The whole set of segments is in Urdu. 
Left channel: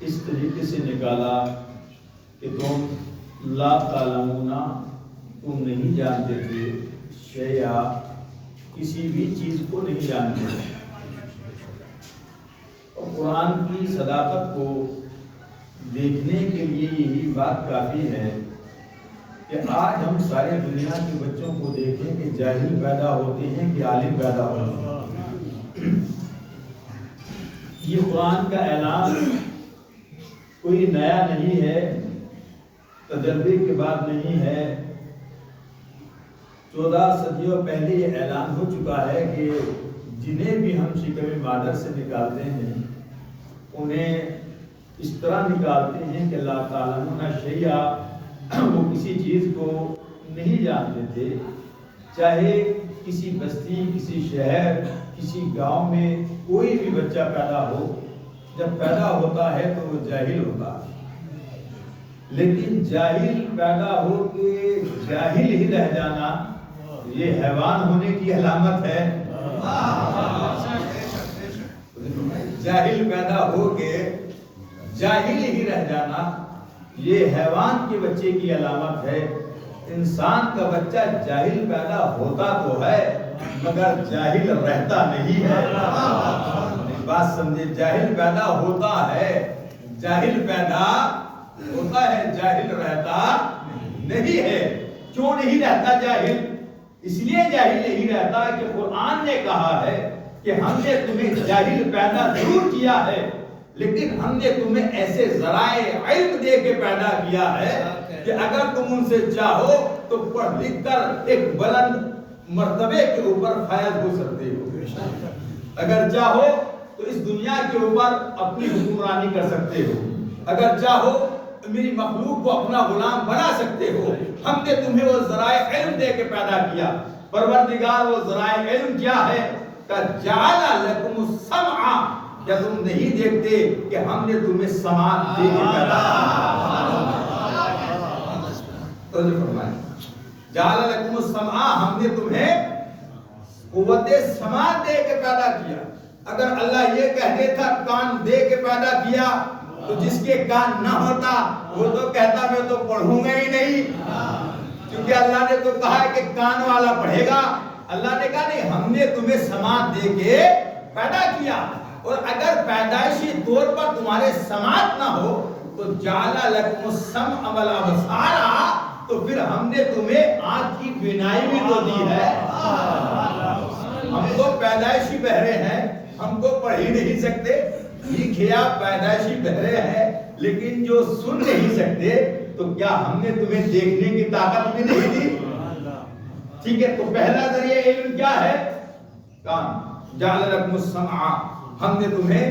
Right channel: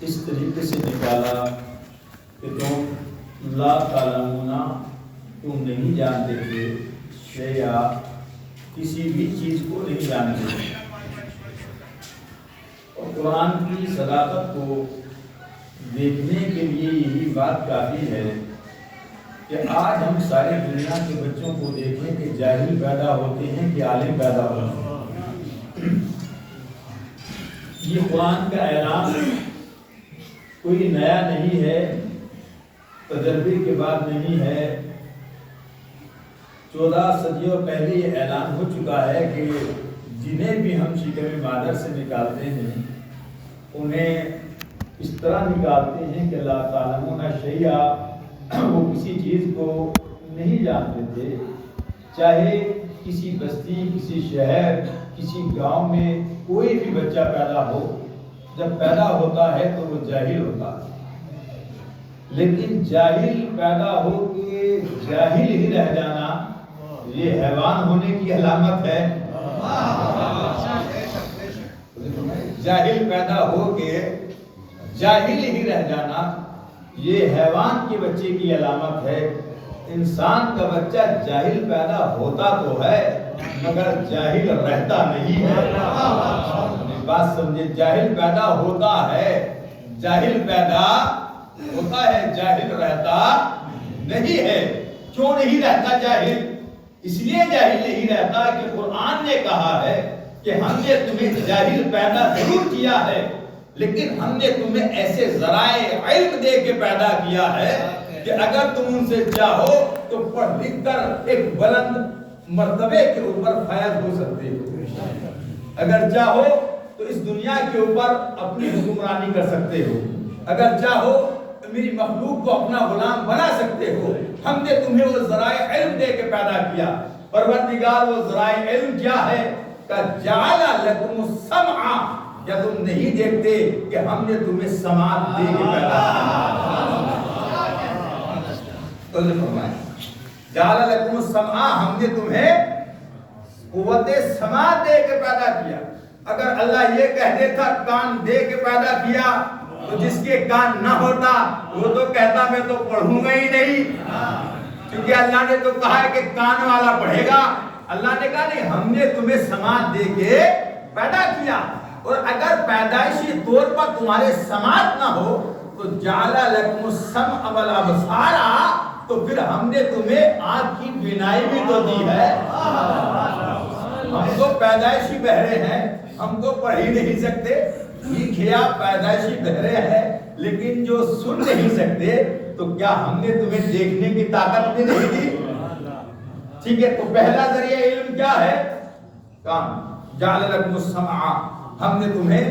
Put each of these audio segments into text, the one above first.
اس طریقے سے نکالا کہ تم لا تعلمون، تم نہیں جانتے تھے، شیئا، کسی بھی چیز کو نہیں جانتے تھے۔ اور قرآن کی صداقت کو دیکھنے کے لیے یہی بات کافی ہے کہ آج ہم سارے دنیا کے بچوں کو دیکھیں کہ جاہل پیدا ہوتے ہیں کہ عالم پیدا ہوتے ہیں۔ یہ قرآن کا اعلان کوئی نیا نہیں ہے، تجربے کے بعد نہیں ہے۔ 14 صدیوں پہلے یہ اعلان ہو چکا ہے کہ جنہیں بھی ہم شکم مادر سے نکالتے ہیں انہیں اس طرح نکالتے ہیں کہ لا تعلمون شیئا، وہ کسی چیز کو نہیں جانتے تھے، چاہے کسی بستی، کسی شہر، کسی گاؤں میں کوئی بھی بچہ پیدا ہو، جب پیدا ہوتا ہے تو وہ جاہل ہوتا ہے۔ لیکن جاہل پیدا ہو کے جاہل ہی رہ جانا یہ حیوان ہونے کی علامت ہے۔ جاہل پیدا ہو کے جاہل ہی رہ جانا یہ حیوان کے بچے کی علامت ہے۔ انسان کا بچہ جاہل پیدا ہوتا تو ہے مگر جاہل رہتا نہیں ہے۔ بات سمجھے، جاہل پیدا ہوتا ہے، جاہل پیدا ہوتا ہے، جاہل رہتا نہیں ہے۔ کیوں نہیں رہتا جاہل؟ اس لیے جاہل نہیں رہتا کہ قرآن نے کہا ہے کہ ہم نے تمہیں جاہل پیدا ضرور کیا ہے، لیکن ہم نے تمہیں ایسے ذرائع علم دے کے پیدا کیا ہے کہ اگر تم ان سے چاہو تو پڑھ لکھ کر ایک بلند مرتبے کے اوپر فائز ہو سکتے ہو۔ اگر چاہو تو اس دنیا کے اوپر اپنی حکمرانی کر سکتے ہو، اگر چاہو تو میری مخلوق کو اپنا غلام بنا سکتے ہو۔ ہم نے تمہیں وہ ذرائع علم دے کے پیدا کیا۔ پروردگار وہ ذرائع علم کیا ہے؟ کہ جعل لکم السمع، کیا تم نہیں دیکھتے کہ ہم نے تمہیں سماعت دے کے پیدا کیا؟ جعل لکم السمع، ہم نے تمہیں قوت سماعت دے کے پیدا کیا۔ اگر اللہ یہ کہہ دیتا کان دے کے پیدا کیا تو جس کے کان نہ ہوتا وہ تو کہتا میں تو پڑھوں گا ہی نہیں، کیونکہ اللہ نے تو کہا ہے کہ کان والا پڑھے گا۔ اللہ نے کہا نہیں، ہم نے تمہیں سماعت دے کے پیدا کیا، اور اگر پیدائشی طور پر تمہارے سماعت نہ ہو تو جعل لکم السمع والابصار، تو پھر ہم نے تمہیں آنکھ کی بینائی بھی تو دی ہے۔ ہم تو پیدائشی بہرے ہیں، ہم تو پڑھ ہی نہیں سکتے، ٹھیک ہے آپ پیدائشی بہرے ہیں لیکن جو سن نہیں سکتے، تو کیا ہم نے تمہیں دیکھنے کی طاقت بھی نہیں دی؟ ٹھیک ہے، تو پہلا ذریعہ علم کیا ہے؟ کان۔ جعل لکم السمع، ہم نے تمہیں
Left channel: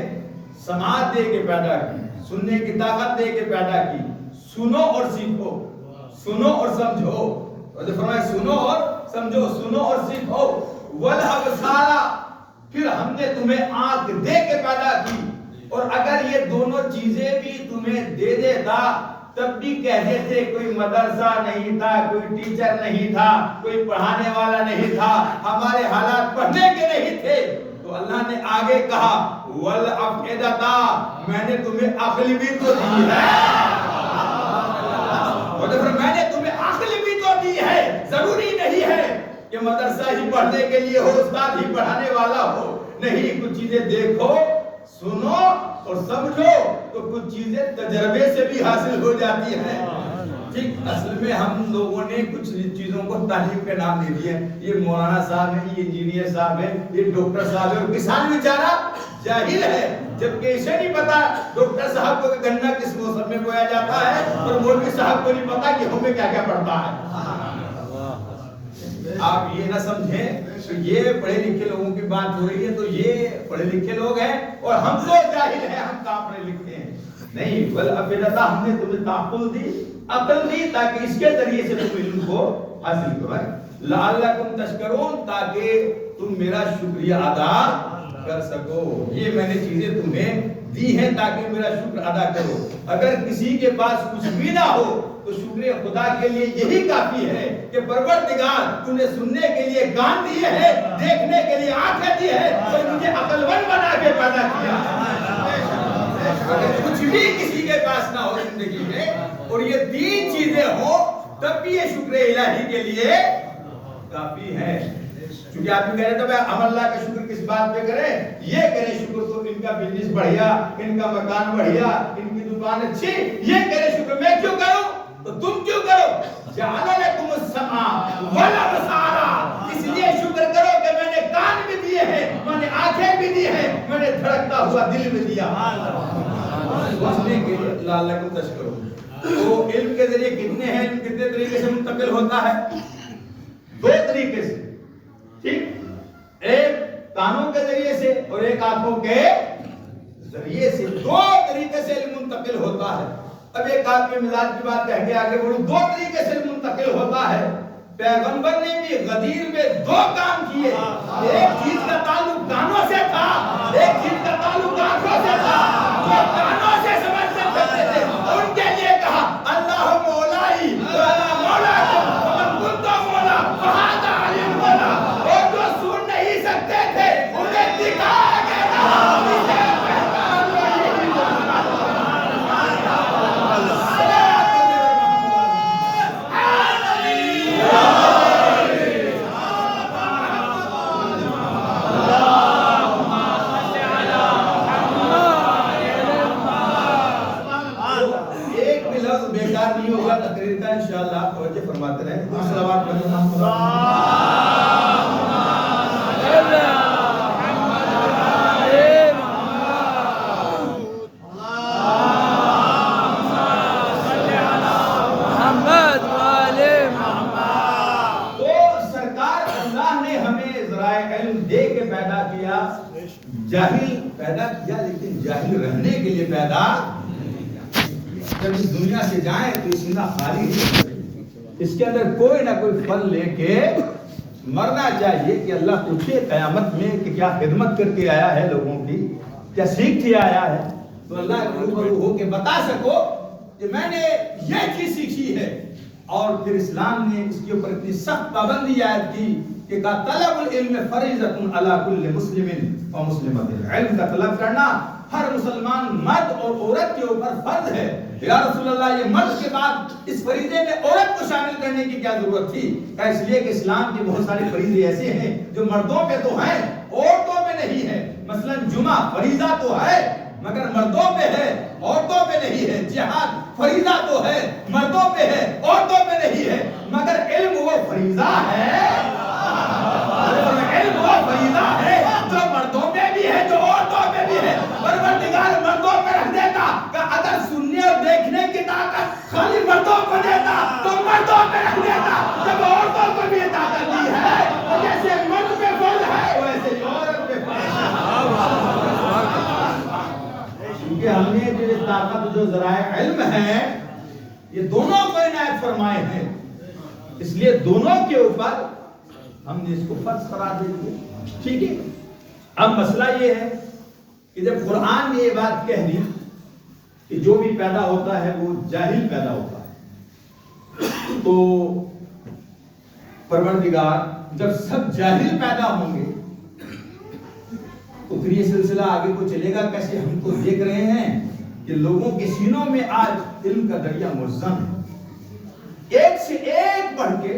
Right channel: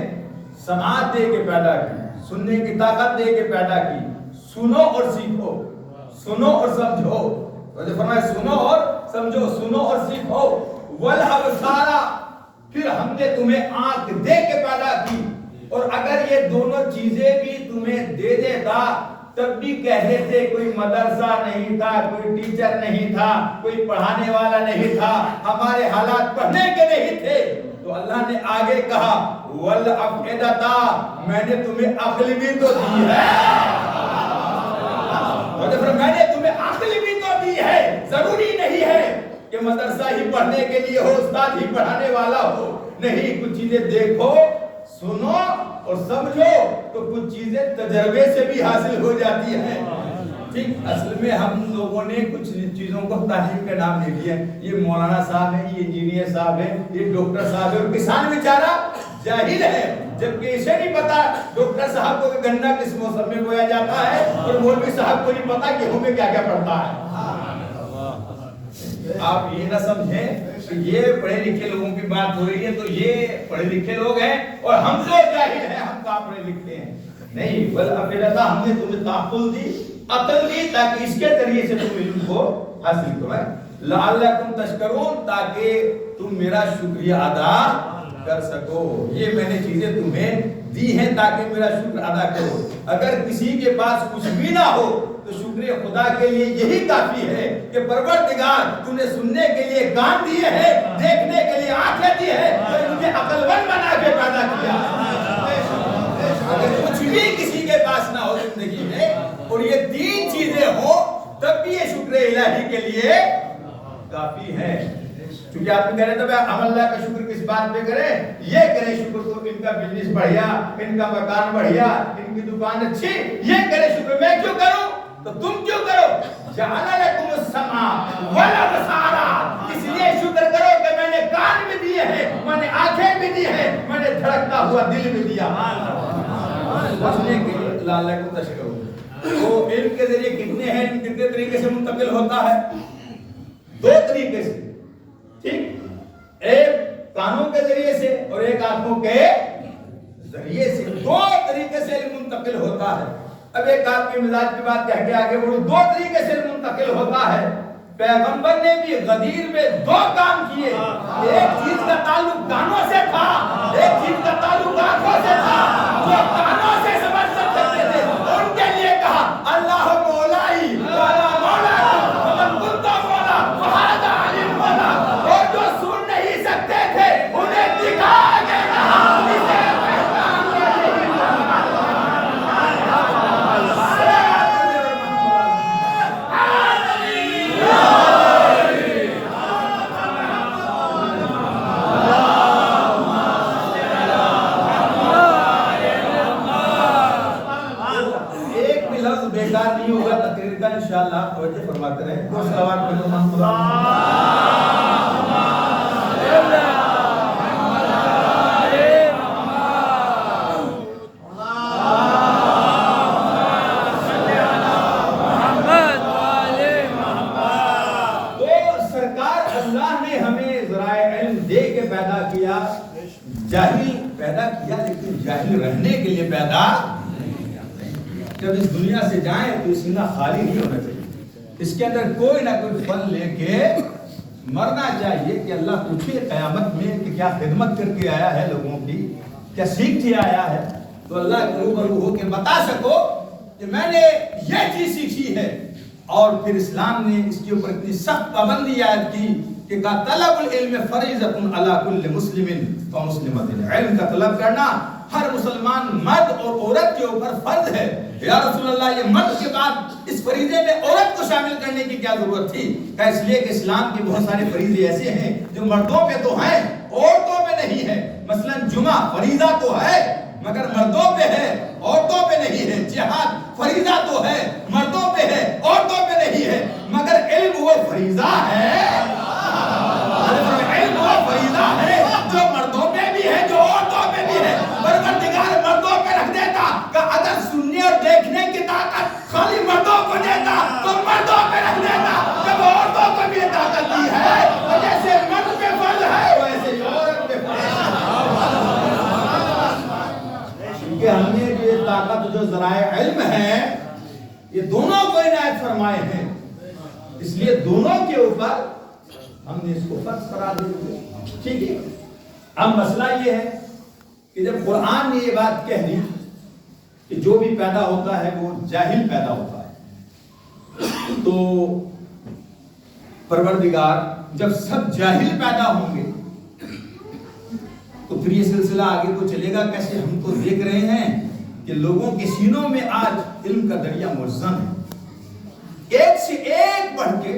سماعت دے کے پیدا کی، سننے کی طاقت دے کے پیدا کی۔ سنو اور سیکھو، سنو اور سمجھو، فرمایا سنو اور سمجھو، سنو اور سیکھو۔ والابصار، پھر ہم نے تمہیں آنکھ دے کے پیدا کی، اور اگر یہ دونوں چیزیں بھی تمہیں دے دیتا تب بھی کہتے تھے کوئی مدرسہ نہیں تھا، کوئی ٹیچر نہیں تھا، کوئی پڑھانے والا نہیں تھا، ہمارے حالات پڑھنے کے نہیں تھے۔ تو اللہ نے آگے کہا والافئدۃ، میں نے تمہیں عقل بھی تو دی ہے، میں نے تمہیں عقل بھی تو دی ہے۔ ضروری نہیں ہے کہ مدرسہ ہی پڑھنے کے لیے ہو، استاد ہی پڑھانے والا ہو، نہیں، کچھ چیزیں دیکھو، سنو اور سمجھو، تو کچھ چیزیں تجربے سے بھی حاصل ہو جاتی ہیں۔ ٹھیک، اصل میں ہم لوگوں نے کچھ چیزوں کو تعلیم کے نام دے دیے، یہ مولانا صاحب ہیں، یہ انجینئر صاحب ہیں، یہ ڈاکٹر صاحب ہیں۔ کسان بیچارہ جاہل ہے، جبکہ اسے نہیں پتا ڈاکٹر صاحب کو گنا کس موسم میں بویا جاتا ہے، اور مولوی صاحب کو نہیں پتا گیہوں میں کیا کیا پڑتا ہے۔ آپ یہ نہ سمجھیں کہ یہ پڑھے لکھے لوگوں کی بات ہو رہی ہے تو یہ پڑھے لکھے لوگ ہیں اور ہم تو جاہل ہیں، ہم کہاں پڑھے لکھے ہیں؟ نہیں، والافئدۃ، ہم نے تمہیں تعقل دی، عقل دی، تاکہ اس کے ذریعے سے تم علم کو حاصل کرو، لعلکم تشکرون، تاکہ تم میرا شکریہ ادا کر سکو۔ یہ میں نے چیزیں تمہیں دی ہیں تاکہ میرا شکر ادا کرو۔ اگر کسی کے پاس کچھ بھی نہ ہو تو شکر خدا کے لیے یہی کافی ہے کہ پروردگار تو نے سننے کے لیے کان دیے ہیں، دیکھنے کے لیے آنکھیں دی ہے، اور مجھے عقل مند بنا کے پیدا کیا۔ اگر کچھ بھی کسی کے پاس نہ ہو زندگی میں اور یہ 3 چیزیں ہوں تب بھی یہ شکر الہی کے لیے کافی ہے. چونکہ آپ نے کہہ رہے تھے ہم اللہ کا شکر کس بات پہ کریں؟ یہ کریں شکر کو ان کا بزنس بڑھیا، ان کا مکان بڑھیا، ان کی دکان اچھی، یہ کریں شکر. میں کیوں کروں تو تم کیوں کرو؟ جعل لکم السمع والابصار، اس لیے شکر کرو کہ میں نے کان بھی دیے ہیں، میں نے آنکھیں بھی دی ہیں، میں نے دھڑکتا ہوا دل بھی دیا. بچنے کے لیے لعلکم تشکرون. تو علم کے ذریعے کتنے ہیں، کتنے طریقے سے منتقل ہوتا ہے؟ 2 طریقے سے. ٹھیک، ایک کانوں کے ذریعے سے اور ایک آنکھوں کے ذریعے سے. 2 طریقے سے علم منتقل ہوتا ہے. اب ایک آپ کے مزاج کی بات کہہ کے آگے بڑھوں. 2 طریقے سے علم منتقل ہوتا ہے. پیغمبر نے بھی غدیر میں 2 کام کیے. ایک چیز کا تعلق کانوں سے تھا، ایک چیز کا تعلق آنکھوں سے تھا. جو کانوں سے سمجھ سکتے تھے ان کے لیے کہا اللہ مولائی وانا مولاکم ومن کنت مولا فہذا علی مولا. اور جو سن نہیں سکتے تھے انہیں دکھا کے کہا اسے پہچان لو یہی مولا. بیکار نہیں ہوگا تقریر کا انشاءاللہ. توجہ فرماتے رہیں. صلوات پڑھو. تو سرکار اللہ نے ہمیں ذرائع علم دے کے پیدا کیا. جاہل پیدا کیا لیکن جاہل رہنے کے لیے پیدا. جب اس دنیا سے جائیں تو اس دنیا خالی نہیں ہوئی. اس کے اندر کوئی نہ کوئی پھل لے کے مرنا چاہیے کہ اللہ پوچھے قیامت میں کہ کیا خدمت کر کے آیا ہے لوگوں کی، کیا سیکھ کے آیا ہے. تو اللہ کے روبرو ہو کے بتا سکو کہ میں نے یہ چیز سیکھی ہے. اور پھر اسلام نے اس کے اوپر اتنی سخت پابندی عائد کی کہ طلب العلم فریضۃ علی کل مسلم و مسلمۃ. علم کا طلب کرنا ہر مسلمان مرد اور عورت کے اوپر فرض ہے. یا رسول اللہ یہ مرد کے بعد اس فریضے میں عورت کو شامل کرنے کی کیا ضرورت تھی؟ کہ اس لیے کہ اسلام کے بہت سارے فریضے ایسے ہیں جو مردوں پہ تو ہیں عورتوں پہ نہیں ہے. مثلا جمعہ فریضہ تو ہے مگر مردوں پہ ہے عورتوں پہ نہیں ہے. جہاد فریضہ تو ہے مردوں پہ ہے عورتوں پہ نہیں ہے. مگر علم وہ فریضہ ہے، علم وہ فریضہ ہے جو مردوں پہ بھی ہے جو عورتوں پہ بھی ہے. پروردگار مردوں پہ رکھ دیتا کہ اگر سننے اور دیکھنے کی طاقت خالی مردوں کو دیتا تو مردوں پہ رکھ دیتا. جب عورتوں کو بھی طاقت دی ہے تو جیسے مرد پہ فرض ہے ویسے عورت پہ فرض ہے. کیونکہ ہم نے جو طاقت جو ذرائع علم ہے یہ دونوں کو عنایت فرمائے ہیں، اس لیے دونوں کے اوپر ہم نے اس کو فرض قرار دے دیا. ٹھیک ہے. اب مسئلہ یہ ہے کہ جب قرآن نے یہ بات کہہ دی کہ جو بھی پیدا ہوتا ہے وہ جاہل پیدا ہوتا ہے، تو پروردگار جب سب جاہل پیدا ہوں گے تو پھر یہ سلسلہ آگے کو چلے گا کیسے؟ ہم کو دیکھ رہے ہیں کہ لوگوں کے سینوں میں آج علم کا دریا ملزم ہے، ایک سے ایک بڑھ کے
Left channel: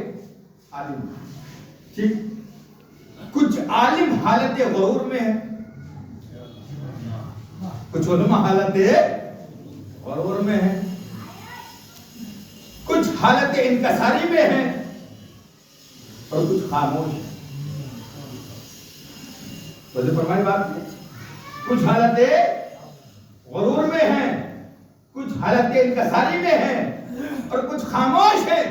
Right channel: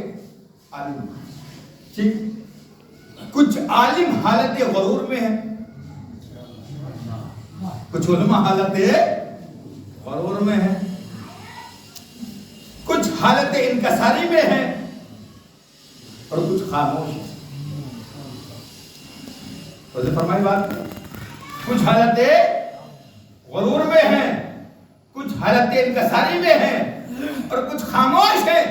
عالم. ٹھیک، کچھ عالم حالت غرور میں ہے، کچھ علماء حالت غرور میں ہے، کچھ حالت انکساری میں ہے اور کچھ خاموش ہے. ویسے فرمائی بات، کچھ حالت غرور میں ہے، کچھ حالت انکساری میں ہے اور کچھ خاموش ہے.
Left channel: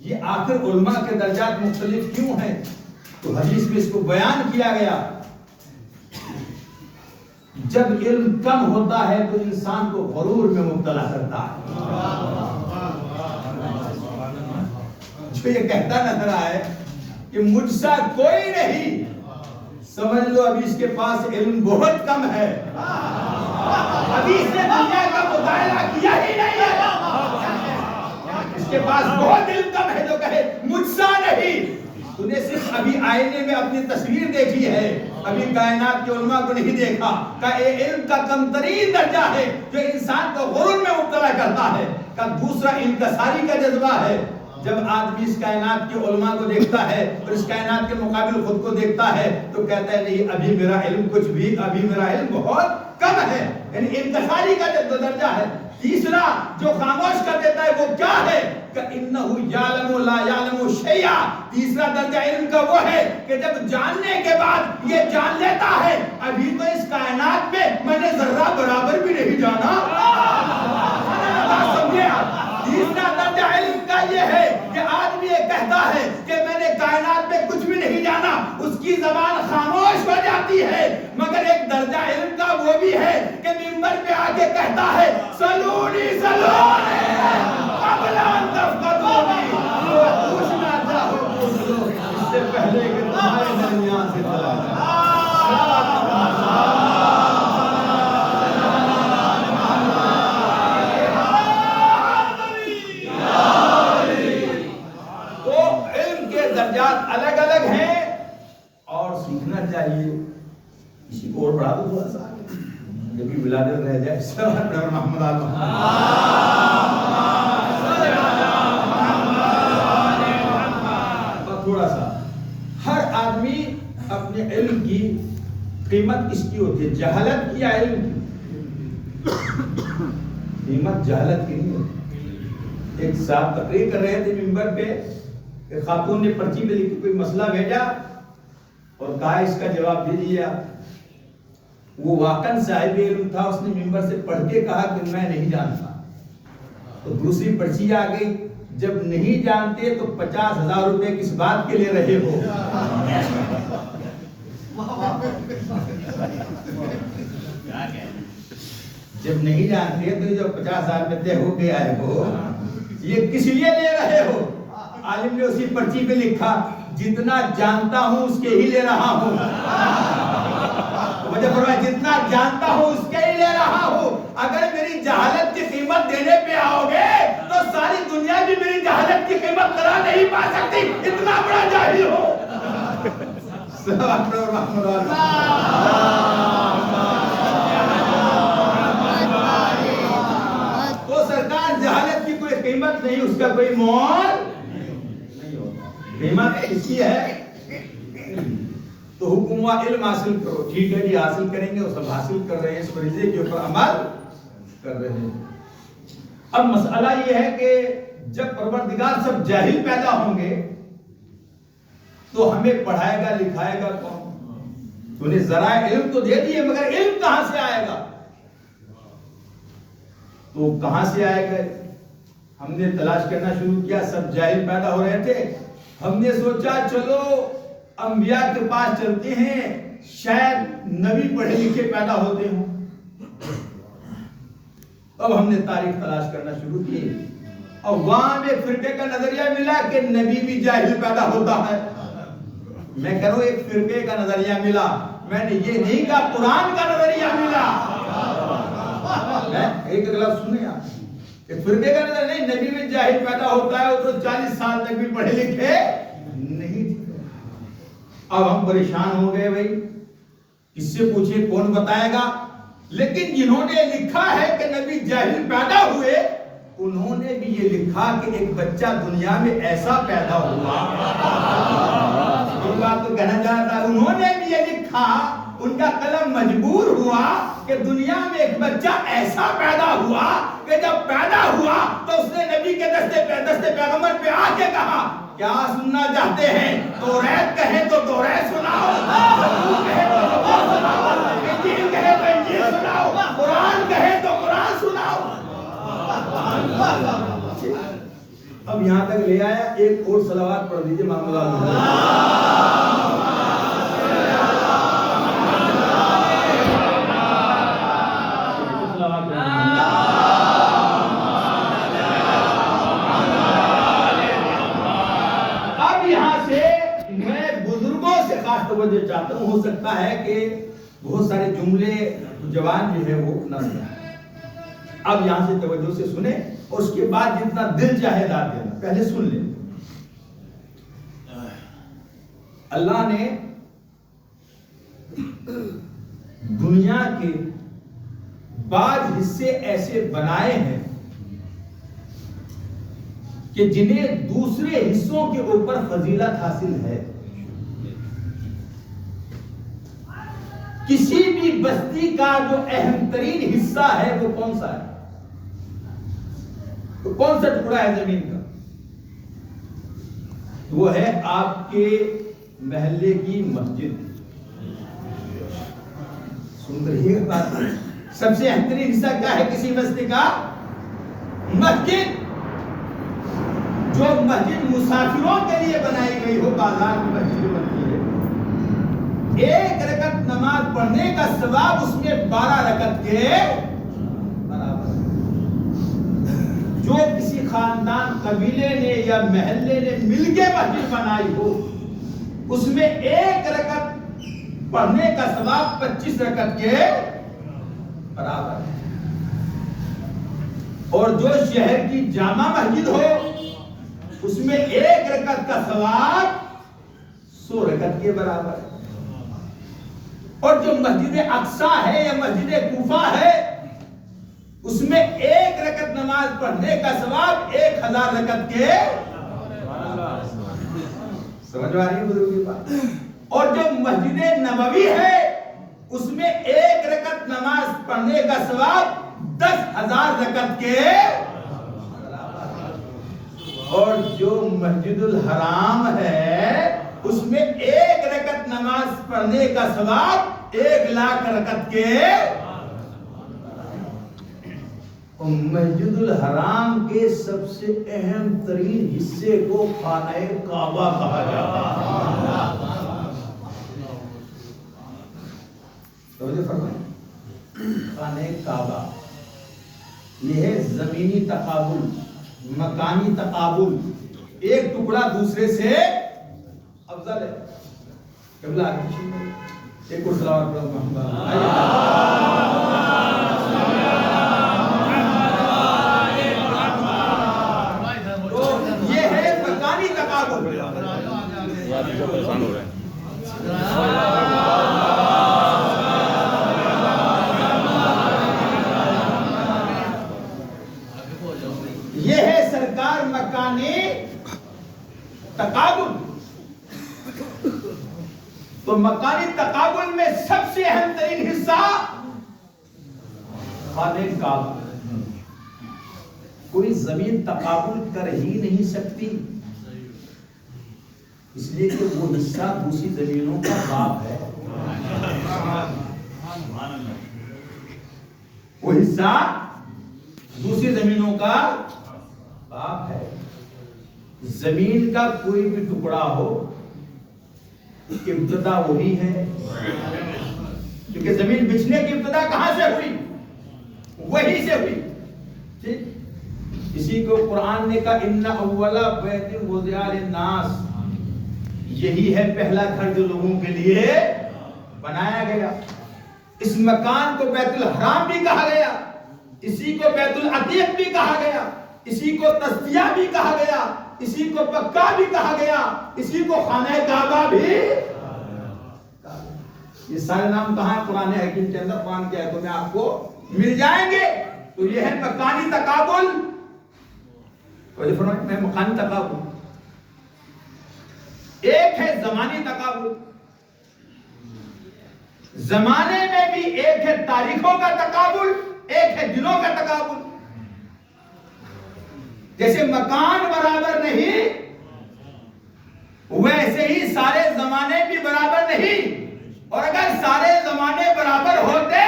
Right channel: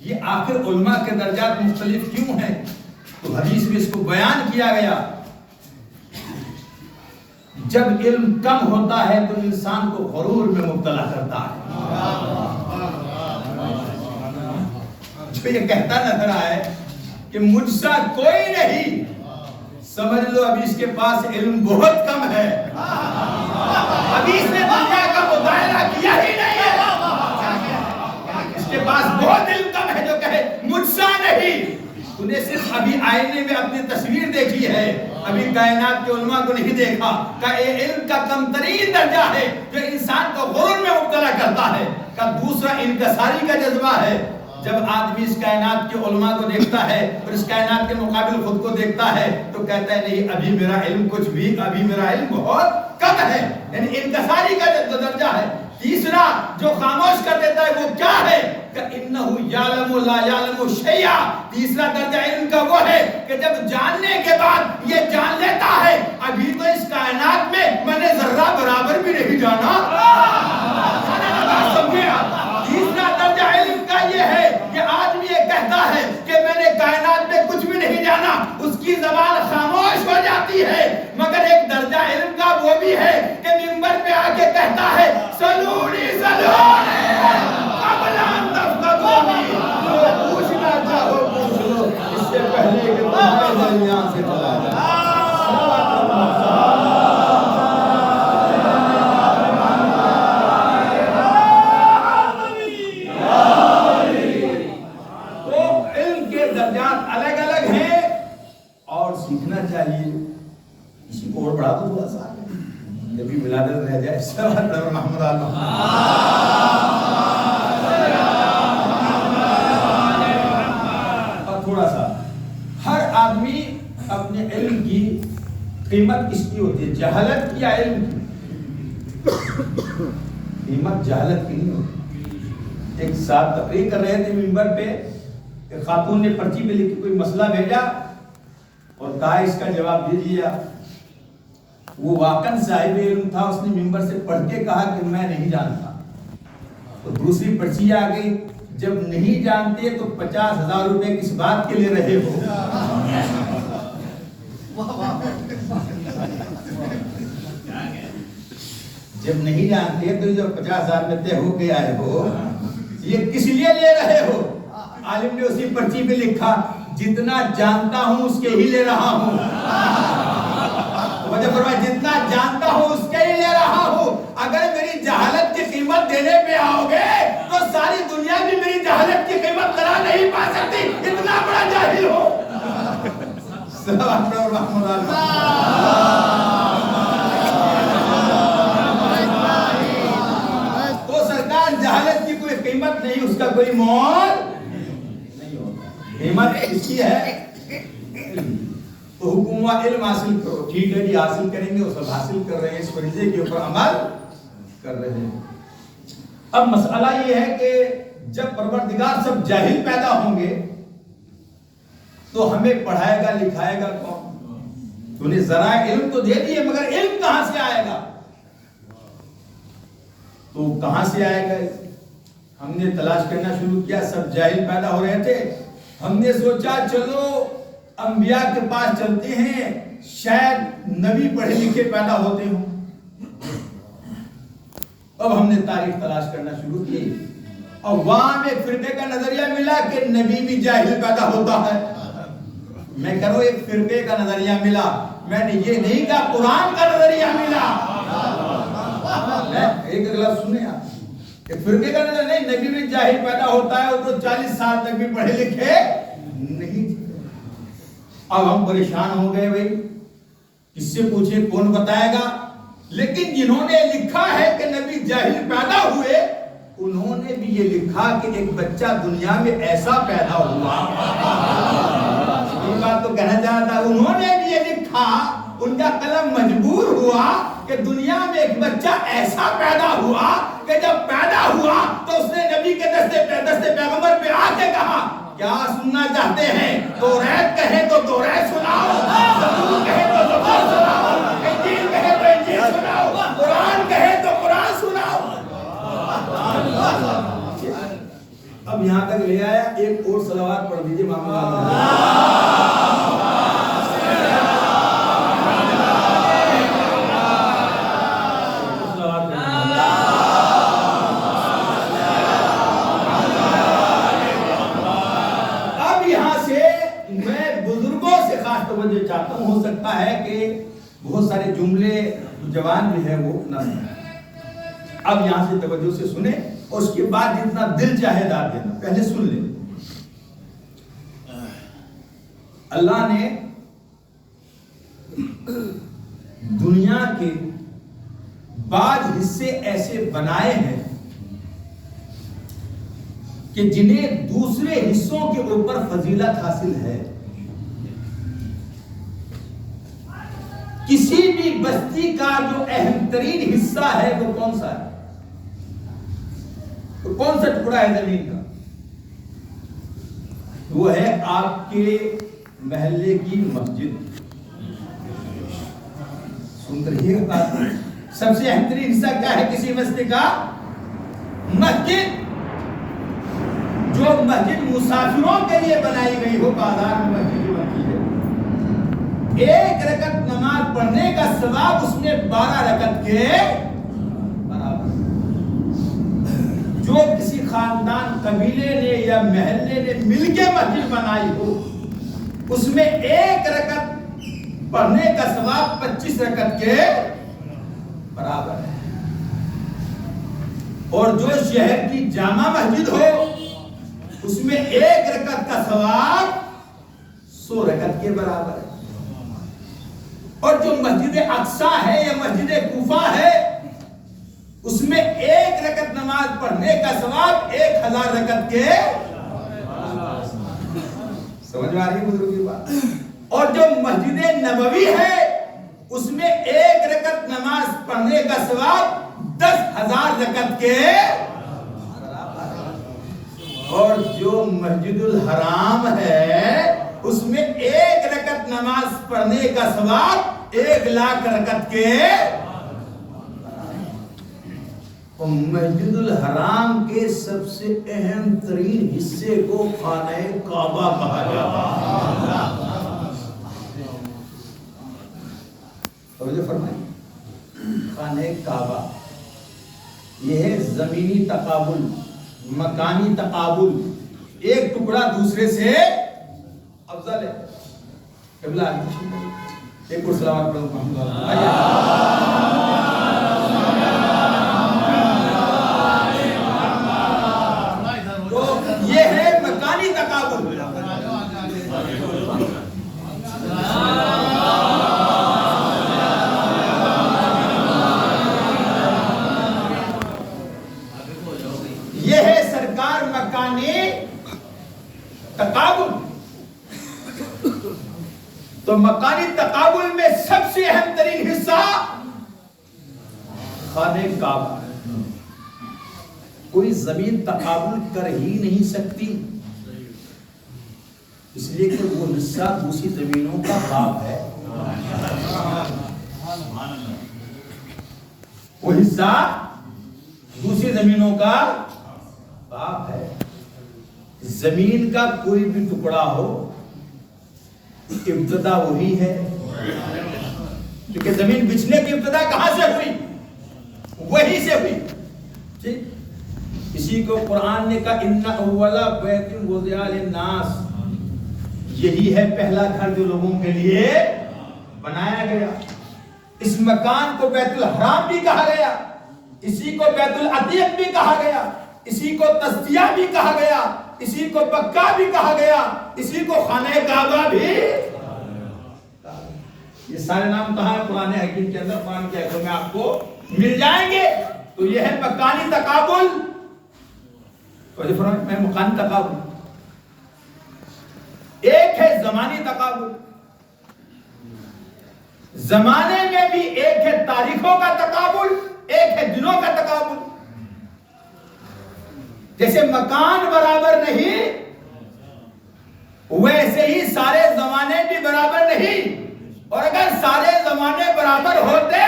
یہ آخر علماء کے درجات مختلف کیوں ہیں؟ تو حدیث میں اس کو بیان کیا گیا. جب علم کم ہوتا ہے تو انسان کو غرور میں مبتلا کرتا ہے. جو یہ کہتا نظر آئے کہ مجھ سا کوئی نہیں، سمجھ لو ابھی اس کے پاس علم بہت کم ہے، ابھی اس نے دنیا کا مطالعہ کیا ہی نہیں ہے. اس کے پاس بہت علم کم ہے جو کہے مجھ سا نہیں. تو نے صرف ابھی آئینے میں اپنی تصویر دیکھی ہے، ابھی کائنات کے علماء کو نہیں دیکھا. کہ علم کا کم ترین درجہ ہے جو انسان کا دوسرا انکساری کا جذبہ ہے. جب آدمی اس کائنات کے علماء کو دیکھتا ہے اور اس کائنات کے مقابل خود کو دیکھتا ہے تو کہتا ہے نہیں ابھی میرا علم کچھ بھی, ابھی میرا علم بہت کم ہے. یعنی انکساری کا درجہ ہے. تیسرا جو خاموش کر دیتا ہے وہ کیا ہے کہ انہو یعلم لا یعلم شیئا. تیسرا درجہ علم کا وہ ہے کہ جب جاننے کے بعد یہ جان لیتا ہے ابھی تو اس کائنات میں نے ذرہ برابر بھی نہیں جانا. تیسرا درجہ علم کا یہ ہے کہ آدمی یہ کہتا ہے کہ میں نے کائنات میں کچھ بھی نہیں جانا, اس کی زبان خاموش ہو جاتی ہے. مگر ایک درجہ علم کا وہ بھی ہے کہ منبر پہ آ کے کہتا ہے سلونی سلونی قبل ان تفتنونی. پوچھنا چاہو پوچھ لو اس سے پہلے کہ تمہارے درمیان سے چلا جائے. الگ الگ ہیں اور سیکھنا چاہیے. اسی کو اور بڑھا دو تھوڑا سا کبھی ولادت رہ جائے. محمد اور تھوڑا سا ہر آدمی اپنے علم کی قیمت کس کی ہوتی ہے, جہالت کی یا علم کی؟ قیمت جہالت کی نہیں ہوتی. ایک صاحب تقریر کر رہے تھے منبر پہ, ایک خاتون نے پرچی پہ لکھ کے کوئی مسئلہ بھیجا اور کہا اس کا جواب دیجیے آپ. وہ واقعاً صاحب علم تھا, اس نے منبر سے پڑھ کے کہا کہ میں نہیں جانتا. تو دوسری پرچی آ گئی, جب نہیں جانتے تو 50,000 روپے کس بات کے لیے رہے ہو. جب نہیں جانتے تو جب 50,000 میں طے ہو کے آئے ہو, یہ کس لیے لے رہے ہو؟ عالم نے اسی پرچی پہ لکھا جتنا جانتا ہوں اس کے ہی لے رہا ہوں. وجہ فرمایا جتنا جانتا ہوں اس کے ہی لے رہا ہوں. اگر میری جہالت کی قیمت دینے پہ آؤ گے تو ساری دنیا بھی میری جہالت کی قیمت کرا نہیں پا سکتی, اتنا بڑا جاہل ہو. تو سرکار جہالت کی کوئی قیمت نہیں, اس کا کوئی مول نہیں ہوتا. قیمت اس کی ہے تو حکم و علم حاصل کرو. ٹھیک ہے جی حاصل کریں گے, وہ سب حاصل کر رہے ہیں, اس فریضے کے اوپر عمل کر رہے ہیں. اب مسئلہ یہ ہے کہ جب پروردگار سب جاہل پیدا ہوں گے تو ہمیں پڑھائے گا لکھائے گا کون؟ تو نے ذرائع علم تو دے دیے مگر علم کہاں سے آئے گا؟ تو کہاں سے آئے گا؟ ہم نے تلاش کرنا شروع کیا, سب جاہل پیدا ہو رہے تھے. ہم نے سوچا چلو انبیاء کے پاس چلتے ہیں, شاید نبی پڑھے لکھے پیدا ہوتے ہوں. اب ہم نے تاریخ تلاش کرنا شروع کی اور وہاں میں فرقے کا نظریہ ملا کہ نبی بھی جاہل پیدا ہوتا ہے. میں کہوں ایک فرقے کا نظریہ ملا, میں نے یہ نہیں کہا قرآن کا نظریہ ملا. ایک اگلا سنیں آپ, ایک فرقے کا نظریہ نہیں, نبی بھی جاہل پیدا ہوتا ہے, وہ تو 40 سال تک بھی پڑھے لکھے نہیں. اب ہم پریشان ہو گئے, بھائی کس سے پوچھے, کون بتائے گا؟ لیکن جنہوں نے لکھا ہے کہ نبی جاہل پیدا ہوئے انہوں نے بھی یہ لکھا کہ ایک بچہ دنیا میں ایسا پیدا ہوا. یہ بات تو کہنا چاہتا, انہوں نے بھی یہ لکھا, ان کا قلم مجبور ہوا کہ دنیا میں ایک بچہ ایسا پیدا ہوا کہ جب پیدا ہوا تو اس نے نبی کے دستے پیغمبر پہ آ کے کہا کیا سننا چاہتے ہیں؟ توریت کہیں تو توریت سناؤ, زبور کہیں تو زبور سناؤ, انجیل کہیں تو انجیل سناؤ, قرآن کہیں تو قرآن سناؤ. اب یہاں تک لے آیا, ایک اور صلوات پڑھ دیجئے محمد. توجہ چاہتا ہوں, ہو سکتا ہے کہ بہت سارے جملے جوان جو ہے وہ نہ سنیں. اب یہاں سے توجہ سے سنیں اور اس کے بعد جتنا دل چاہے داد دینا, پہلے سن لیں. اللہ نے دنیا کے بعض حصے ایسے بنائے ہیں کہ جنہیں دوسرے حصوں کے اوپر فضیلت حاصل ہے. کسی بھی بستی کا جو اہم ترین حصہ ہے وہ کون سا ہے؟ تو کون سا ٹکڑا ہے زمین کا؟ وہ ہے آپ کے محلے کی مسجد. سن رہی ہے بات؟ سب سے اہم ترین حصہ کیا ہے کسی بستی کا؟ مسجد. جو مسجد مسافروں کے لیے بنائی گئی ہو، بازار میں مسجد بنتی ہے، ایک رکعت نماز پڑھنے کا ثواب اس میں 12 رکعت کے برابر. جو کسی خاندان، قبیلے نے یا محلے نے مل کے مسجد بنائی ہو، اس میں ایک رکعت پڑھنے کا ثواب 25 رکعت کے برابر ہے. اور جو شہر کی جامع مسجد ہو، اس میں ایک رکعت کا ثواب 100 رکعت کے برابر ہے. اور جو مسجد اقصیٰ ہے یا مسجد کوفہ ہے، اس میں ایک رکعت نماز پڑھنے کا ثواب 1000 رکعت کے. سمجھ میں آ رہی ہے بزرگوں کی بات؟ اور جو مسجد نبوی ہے، اس میں ایک رکعت نماز پڑھنے کا ثواب 10,000 رکعت کے. اور جو مسجد الحرام ہے، اس میں ایک رکعت نماز پڑھنے کا ثواب 1,00,000 رکعت کے. مسجد الحرام کے سب سے اہم ترین حصے کو خانہ کعبہ کہا جاتا ہے. توجہ فرمائیں. خانہ کعبہ یہ ہے زمینی تقابل، مکانی تقابل. ایک ٹکڑا دوسرے سے افضل ہے. قبلہ آگے ایک اور صلوات پڑھو محمد تو یہ ہے مکانی تقابل. یہ ہے سرکار مکانی تقابل. تو مکانی تقابل میں سب سے اہم ترین حصہ خانہ کعبہ. کوئی زمین تقابل کر ہی نہیں سکتی، اس لیے کہ وہ حصہ دوسری زمینوں کا باپ ہے. وہ حصہ دوسری زمینوں کا باپ ہے. زمین کا کوئی بھی ٹکڑا ہو، ابتدا وہی ہے. کیونکہ زمین بچھنے کی ابتدا کہاں سے ہوئی؟ وہی سے ہوئی. ٹھیک. اسی کو قرآن نے کہا ان اول بیت وضع للناس، یہی ہے پہلا گھر جو لوگوں کے لیے بنایا گیا. اس مکان کو بیت الحرام بھی کہا گیا، اسی کو بیت العتیق بھی کہا گیا، اسی کو تسبیہ بھی کہا گیا، اسی کو مکہ بھی کہا گیا، اسی کو خانہ کعبہ بھی. یہ سارے نام کہاں ہیں؟ قرآن حکیم کے اندر، قرآن کے آیتوں میں آپ کو مل جائیں گے. تو یہ ہے مکانی تقابل. میں مکانی تقابل. ایک ہے زمانی تقابل. زمانے میں بھی ایک ہے تاریخوں کا تقابل، ایک ہے دنوں کا تقابل. جیسے مکان برابر نہیں، ویسے ہی سارے زمانے بھی برابر نہیں. اور اگر سارے زمانے برابر ہوتے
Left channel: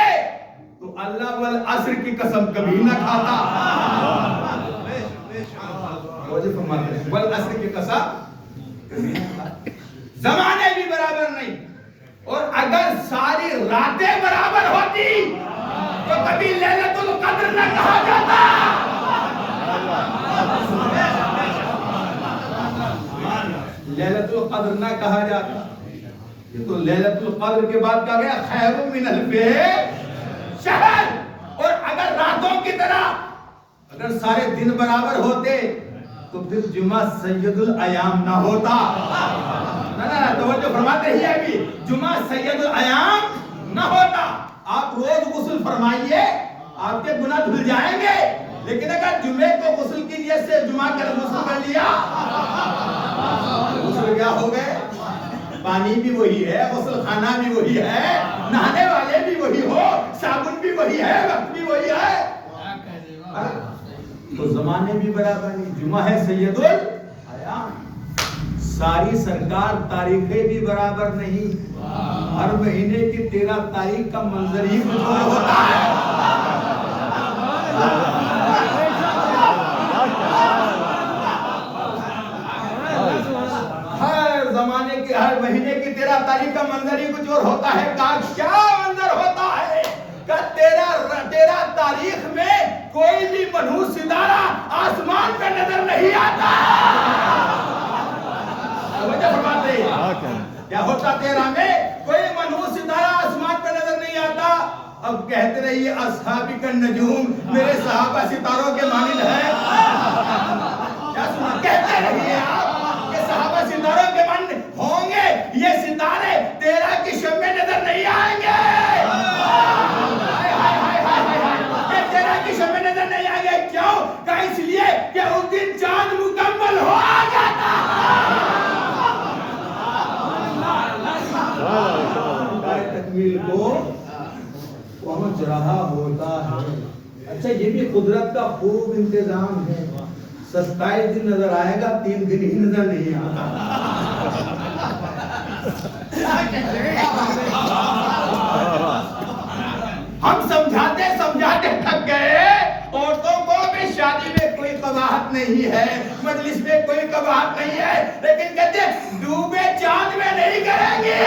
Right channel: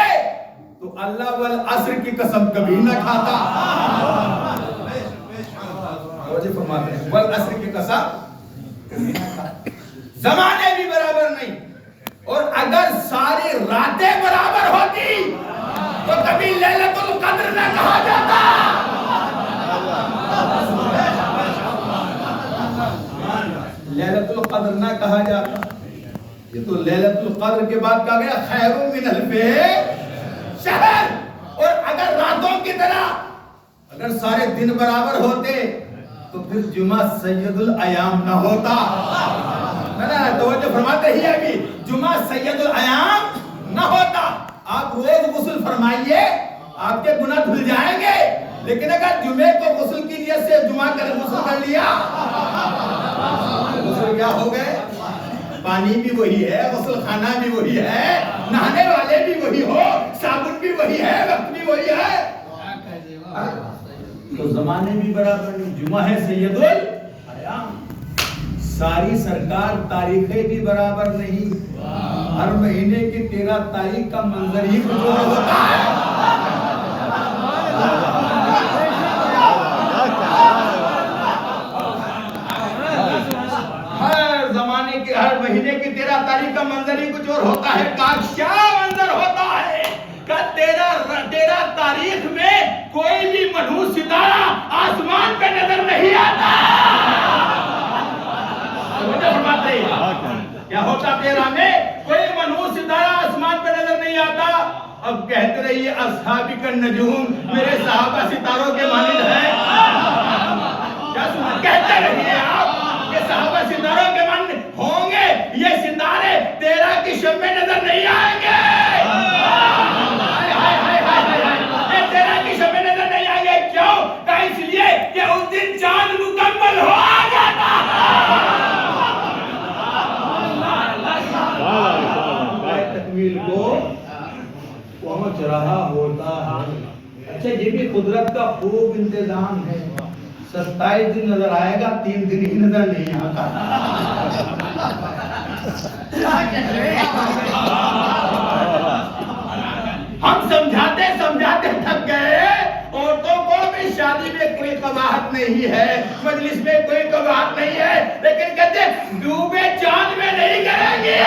تو اللہ والعصر کی قسم کبھی نہ کھاتا. والعصر کی قسم کبھی نہ کھاتا. زمانے بھی برابر نہیں، اور اگر ساری راتیں برابر ہوتی تو کبھی لیلۃ القدر نہ کہا جاتا. لیلۃ القدر نہ کہا جاتا. یہ تو لیلۃ القدر کے بعد کہا گیا خیر من الف شہر. اور اگر راتوں کی طرح اگر سارے دن برابر ہوتے تو پھر جمعہ سید الایام نہ ہوتا. توجہ فرماتے ہی ابھی جمعہ سید الایام نہ ہوتا. آپ روز غسل فرمائیے، آپ کے گناہ دھل جائیں گے. لیکن اگر جمعے کو غسل کی نیت سے جمعہ کر غسل کر لیا، غسل کیا ہو گئے؟ پانی بھی وہی ہے، غسل خانہ بھی وہی ہے، نہانے والے بھی وہی ہو، صابن بھی وہی ہے، وقت بھی وہی ہے، تو زمانے بھی برابر نہیں۔ جمعہ ہے سید الایام، ساری سرکار تاریخیں بھی برابر نہیں، ہر مہینے کی 13 تاریخ کا منظر ہی کچھ اور ہوتا ہے۔ ہر زمانے کی، ہر مہینے کی 13 تاریخ کا منظر ہی کچھ اور ہوتا ہے۔ کیا منظر ہوتا ہے کہ 13 تاریخ میں کوئی بھی منحوس ستارہ آسمان پہ نظر نہیں آتا۔ کیا ہوتا 13 میں؟ کوئی منحوس ستارہ آسمان پہ نظر نہیں آتا۔ اب کہتے رہیے اصحابی کا نجوم، میرے صحابہ ستاروں کے مانند ہے، کیا سنا؟ کہتے رہیے آپ کہ صحابہ ستاروں کے مانند ہوں گے، یہ ستارے 13 کی شب میں نظر نہیں آئیں گے، یہ 13 کی شب میں نظر نہیں آئیں گے۔ کیوں؟ کہ اس لیے کہ اس دن چاند مکمل ہو جاتا تکمیل کو پہنچ رہا ہوتا ہے۔ اچھا، یہ بھی قدرت کا خوب انتظام ہے، 27 دن نظر آئے گا، 3 دن ہی نظر نہیں آتا۔ ہم سمجھاتے سمجھاتے تھک گئے، عورتوں کو بھی شادی میں کوئی قباحت نہیں ہے، مجلس میں کوئی قباحت نہیں ہے، لیکن کہتے ڈوبے چاند میں نہیں کریں گے۔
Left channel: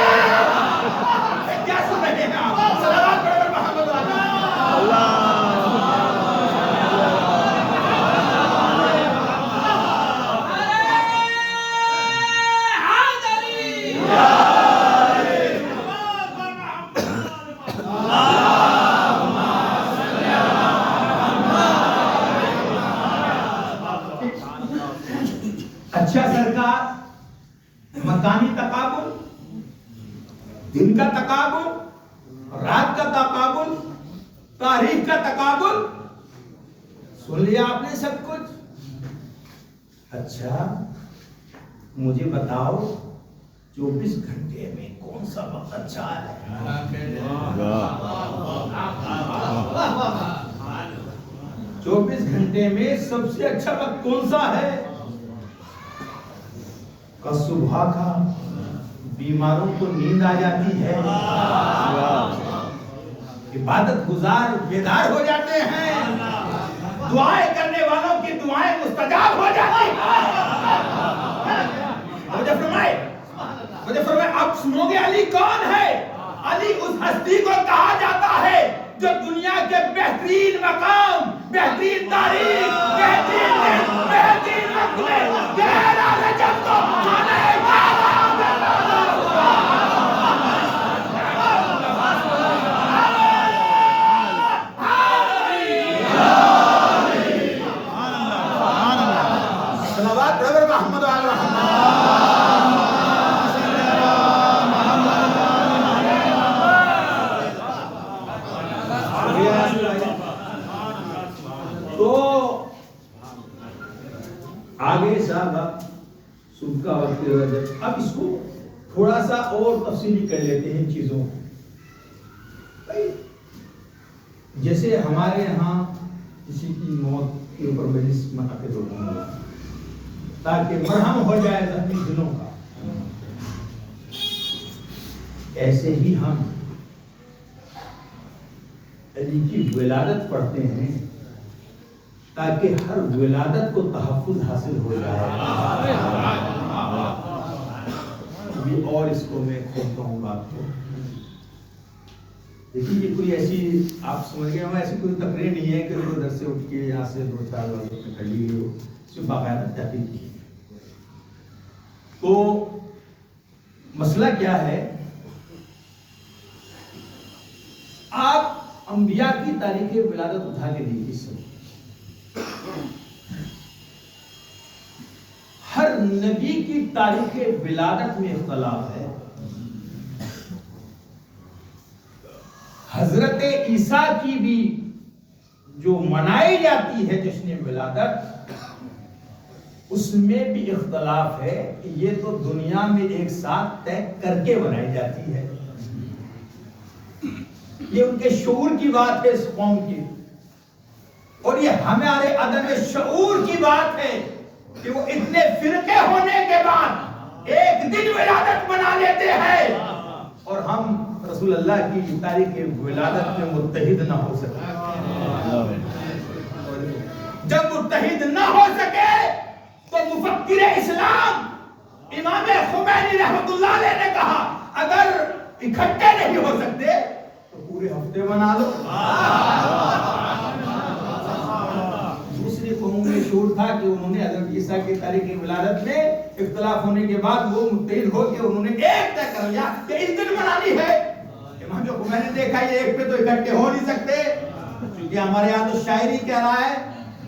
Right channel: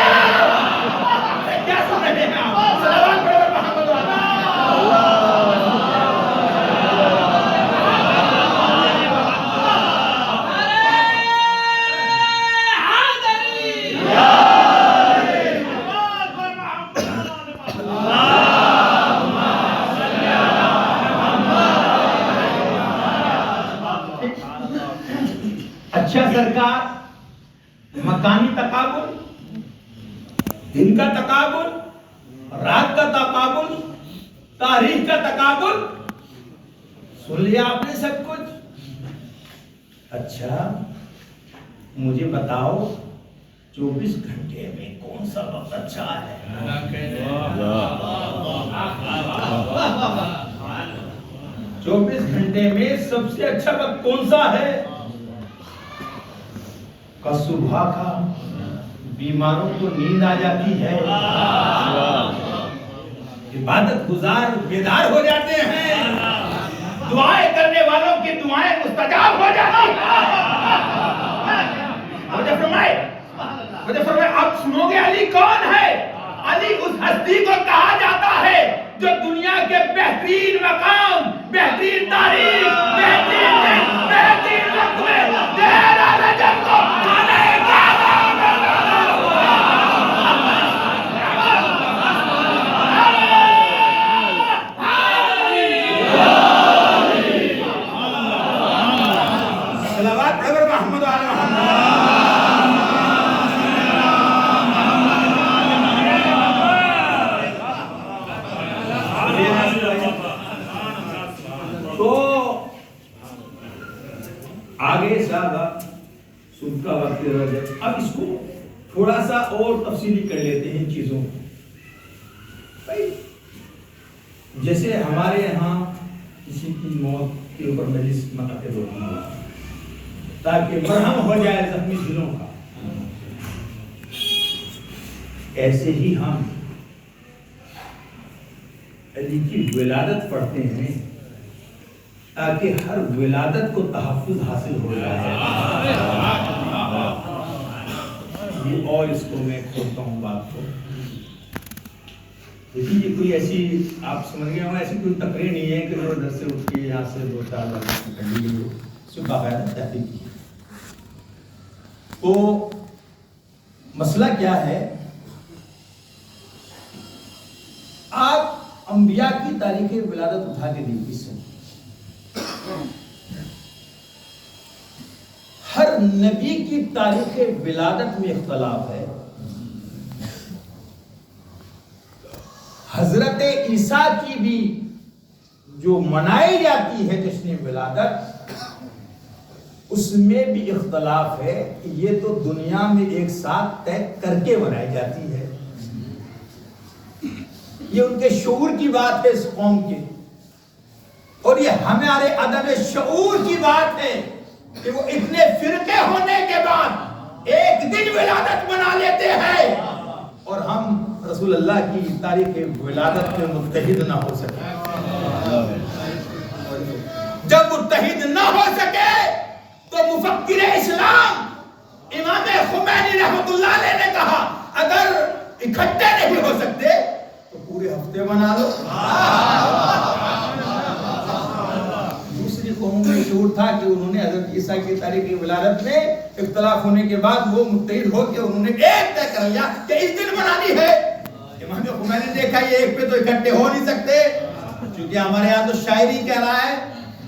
کیا سن رہے ہیں آپ؟ صلوات پڑھو محمد اچھا سرکار، مکانی تقابل، دن کا تقابل، رات کا تقابل، تاریخ کا تقابل، سن لیا آپ نے سب کچھ؟ اچھا مجھے بتاؤ 24 گھنٹے میں کون سا وقت اچھا ہے؟ 24 گھنٹے میں سب سے اچھا وقت کون سا ہے؟ کہ صبح کا بیماروں کو نیند آ جاتی ہے، عبادت گزار بیدار ہو جاتے ہیں، دعائیں کرنے والوں کی دعائیں مستجاب ہو جاتی ہیں۔ مجھے فرمائے آپ سنو گے علی کون ہے؟ علی اس ہستی کو کہا جاتا ہے جو دنیا کے بہترین مقام، بہترین تاریخ، بہترین وقت میں تیرا رجب کو آنے کا صلوات پڑھو محمد و آل محمد۔ تو آگے صاحب صبح کا وقت ہے، اب اس کو تھوڑا سا اور تفصیلی کر لیتے ہیں چیزوں کو۔ جیسے ہمارے یہاں کسی کی موت کے اوپر مجلس منعقد ہوتی ہے تاکہ مرہم ہو جائے زخمی دلوں کا، ایسے ہی ہم علی کی ولادت پڑھتے ہیں تاکہ ہر ولادت کو تحفظ حاصل ہو جائے۔ اور اس کو میں کھولتا ہوں بات کو، دیکھیے یہ کوئی ایسی آپ سمجھ گئے ہوں، ایسی کوئی تقریر نہیں ہے کہ ادھر سے اٹھ کے یہاں سے 2-4 اس میں باقاعدہ تحقیق کی۔ تو مسئلہ کیا ہے، آپ انبیاء کی تاریخ ولادت اٹھا کے دیکھیے، ہر نبی کی تاریخ ولادت میں اختلاف ہے۔ حضرت عیسیٰ کی بھی جو منائی جاتی ہے جشن ولادت، اس میں بھی اختلاف ہے. یہ تو دنیا میں ایک ساتھ طے کر کے بنائی جاتی ہے. یہ ان کے شعور کی بات ہے اس قوم کی, اور یہ ہمارے عدم شعور کی بات ہے کہ وہ اتنے فرقے ہونے کے بعد ایک دن ولادت منا لیتے ہیں اور ہم رسول اللہ کی تاریخ ولادت میں متحد نہ ہو سکے. جب متحد نہ ہو سکے تو مفکر اسلام امام خمینی رحمۃ اللہ علیہ نے کہا اگر اکٹھے نہیں ہو سکتے تو پورے ہفتے بنا لو. دوسری قوموں میں شعور تھا کہ انہوں نے حضرت عیسیٰ کی تاریخ ولادت میں اختلاف ہونے کے بعد وہ متحد ہو کے انہوں نے ایک طے کر لیا کہ اس دن منانی ہے. امام خمینی نے دیکھا یہ ایک پہ تو اکٹھے ہو نہیں سکتے, چونکہ ہمارے یہاں تو شاعری کہہ رہا ہے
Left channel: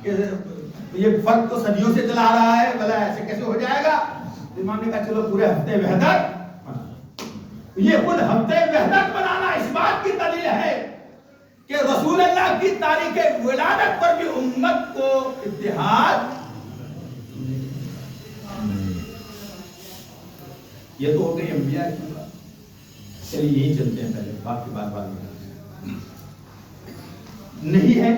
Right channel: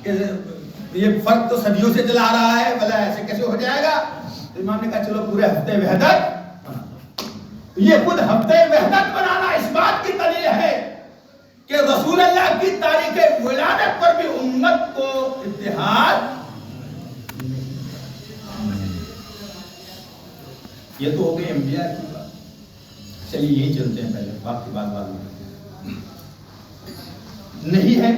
کہ یہ فرق تو صدیوں سے چلا رہا ہے, بھلا ایسے کیسے ہو جائے گا. امام نے کہا چلو پورے ہفتے وحدت. یہ خود ہفتے وحدت بنانا اس بات کی دلیل ہے کہ رسول اللہ کی تاریخ ولادت پر بھی امت کو اتحاد. یہ تو ہو گئی انبیاء کی بات. چلیے یہی چلتے ہیں, پہلے بات کی بات بعد میں نہیں ہے.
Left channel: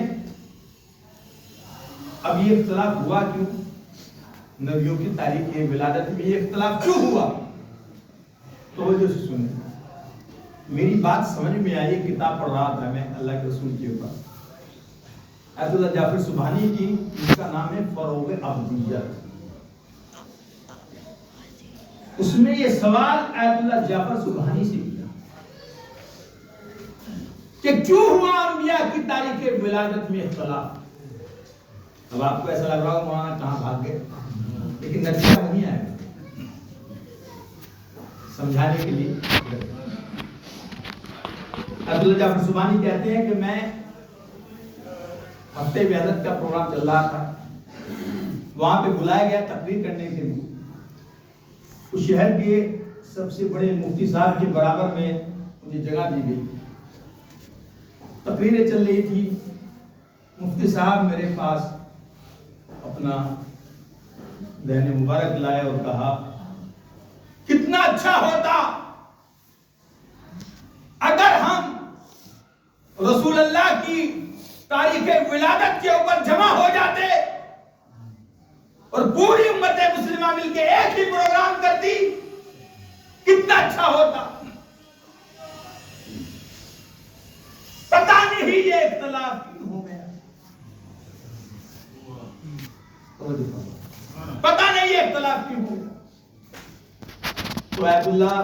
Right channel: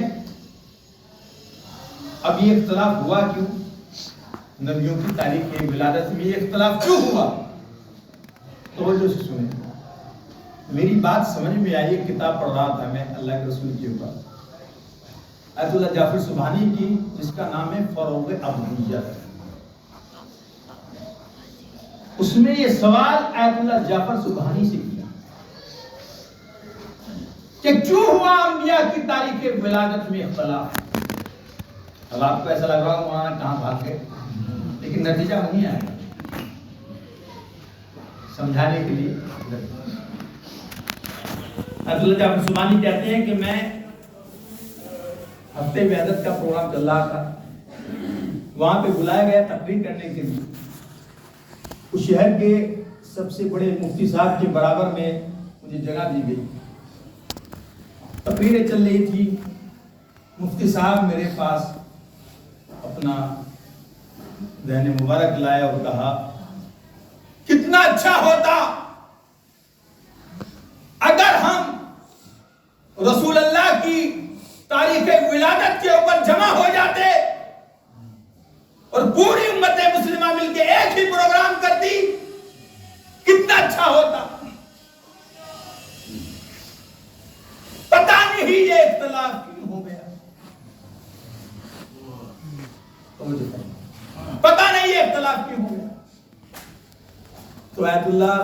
اب یہ اختلاف ہوا کیوں؟ نبیوں کی تاریخ ولادت میں یہ اختلاف کیوں ہوا؟ توجہ سے سنیں, میری بات سمجھ میں آئی. کتاب پڑھ رہا تھا میں اللہ کے رسول کے اوپر, آیت اللہ جعفر سبحانی کی, ان کا نام ہے فروغ ابدیت. اس میں یہ سوال آیت اللہ جعفر سبحانی سے کیا کہ کیوں ہوا انبیاء کی تاریخ ولادت میں اختلاف. اب آپ کو ایسا لگ رہا ہو وہاں کہاں بھاگ گئے, لیکن نتیجہ وہیں آئے گا سمجھانے کے لیے. عبداللہ جعفر سبحانی کہتے ہیں کہ میں ہفتے وحدت کا پروگرام چل رہا تھا, وہاں پہ بلایا گیا تقریر کرنے کے لیے. اس شہر کے سب سے بڑے مفتی صاحب کے برابر میں مجھے جگہ دی گئی. تقریریں چل رہی تھی. مفتی صاحب میرے پاس اپنا دہن مبارک لایا اور کہا کتنا اچھا ہوتا اگر ہم رسول اللہ کی تاریخ ولادت کے اوپر جمع ہو جاتے اور پوری امت مسلمہ مل کے ایک ہی پروگرام کرتی, کتنا اچھا ہوتا. پتہ نہیں یہ اختلاف کیوں ہو گیا, پتہ نہیں یہ اختلاف کیوں ہو گیا. تو آیت اللہ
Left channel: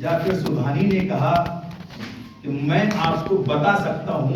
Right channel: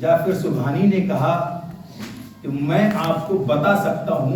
جعفر سبحانی نے کہا کہ میں آپ کو بتا سکتا ہوں